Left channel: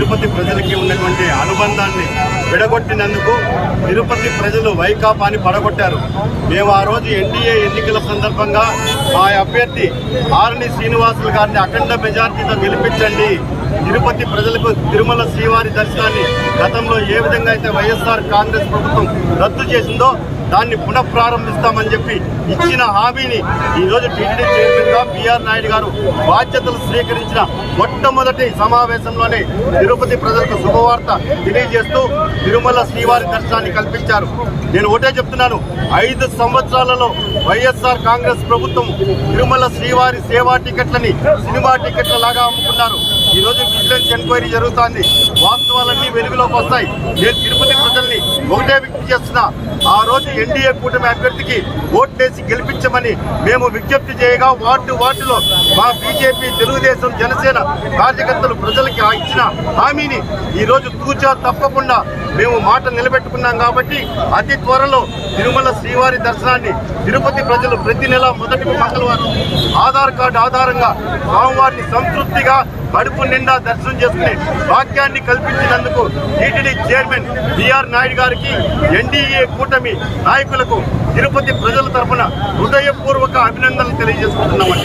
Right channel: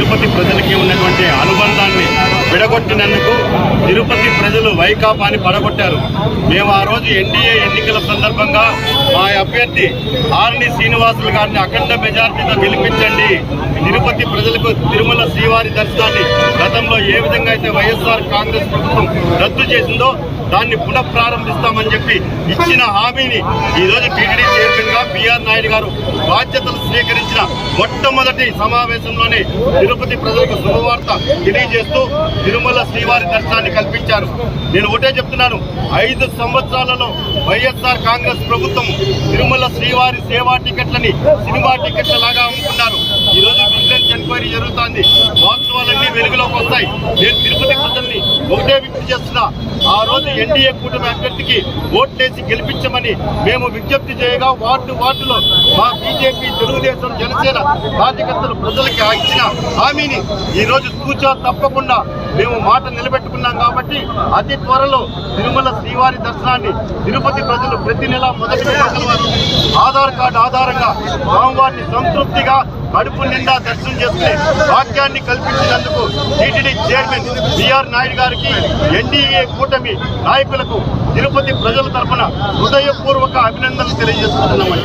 తిరుపతి ప్రజలకి ఉన్నటువంటి అనుబంధాన్ని విడగొట్టినందుకు తిరుపతి ప్రజలు వైకాపాని పడగొట్టారు. మేము ఆ రోజు ఎన్డీఏ ఎన్నికల సందర్భంగా మా అభ్యర్థి ఆర్ని శ్రీనివాసులు గారిని అఖండ మెజార్టీతో గెలిపించండి. తిరుపతి ప్రజలకు తిరుమల శ్రీవారి దర్శనాన్ని గతంలో ఏ విధంగా అయితే వైఎస్ఆర్ కాంగ్రెస్ ప్రభుత్వం రద్దు చేసిందో దాన్ని పునఃప్రారంభిస్తామని చెప్పి ఇచ్చిన హామీని ఈరోజు టీటీడీ చైర్మన్గా నాయుడు గారు బాధ్యతలు స్వీకరించిన మొట్టమొదటి సమావేశంలోనే తిరుపతి ప్రజలకు శుభవార్త తెలియజేస్తూ తిరుమల శ్రీవారి దర్శనాన్ని కల్పించారు. నేను ఒకటే చెప్తున్నాను ఐదు సంవత్సరాలలో వైఎస్ఆర్ కాంగ్రెస్ ప్రభుత్వం తిరుమల శ్రీవారి సేవా టికెట్లని సినిమా టికెట్ల లాగా అమ్ముకున్నారు. ఈరోజు విజిలెన్స్ ఎంక్వైరీ జరుగుతోంది. వాస్తవాలన్నీ వెలుగులోకి వస్తాయి. నేను తిరుపతి ప్రజల్ని ఒకటే విజ్ఞప్తి చేస్తున్నా ఆ రోజు ఎన్డీఏ కూటమి అభ్యర్థికి ఓట్లేసి గెలిపించమని మేము విజ్ఞప్తి చేయగా వార్డు వార్డులో మా బీజేపీ తెలుగుదేశం జనసేన కార్యకర్తలు ప్రజలకి ఆ ఇచ్చిన హామీని ఈరోజు తూచా తప్పకుండా మేము మాట నిలబెట్టుకున్నాం కాబట్టి అతి త్వరలో తిరుమల శ్రీవారి దర్శనాన్ని తిరుపతి ప్రజలు ప్రతి నెల మొదటి మంగళవారం ఆధార్ కార్డు ఆధారంగా స్వామివారిని సంతృప్తిగా కడుపు నిండా దర్శనం చేసుకునే భాగ్యాన్ని కల్పించినందుకు టీటీడీ చైర్మన్ బిఆర్ నాయుడు గారికి ఎన్డీఏ కూటమి నాయకులకు తిరుపతి ప్రజల తరఫున హృదయపూర్వక అభినందనలు తెలియజేసుకుంటున్నామండి.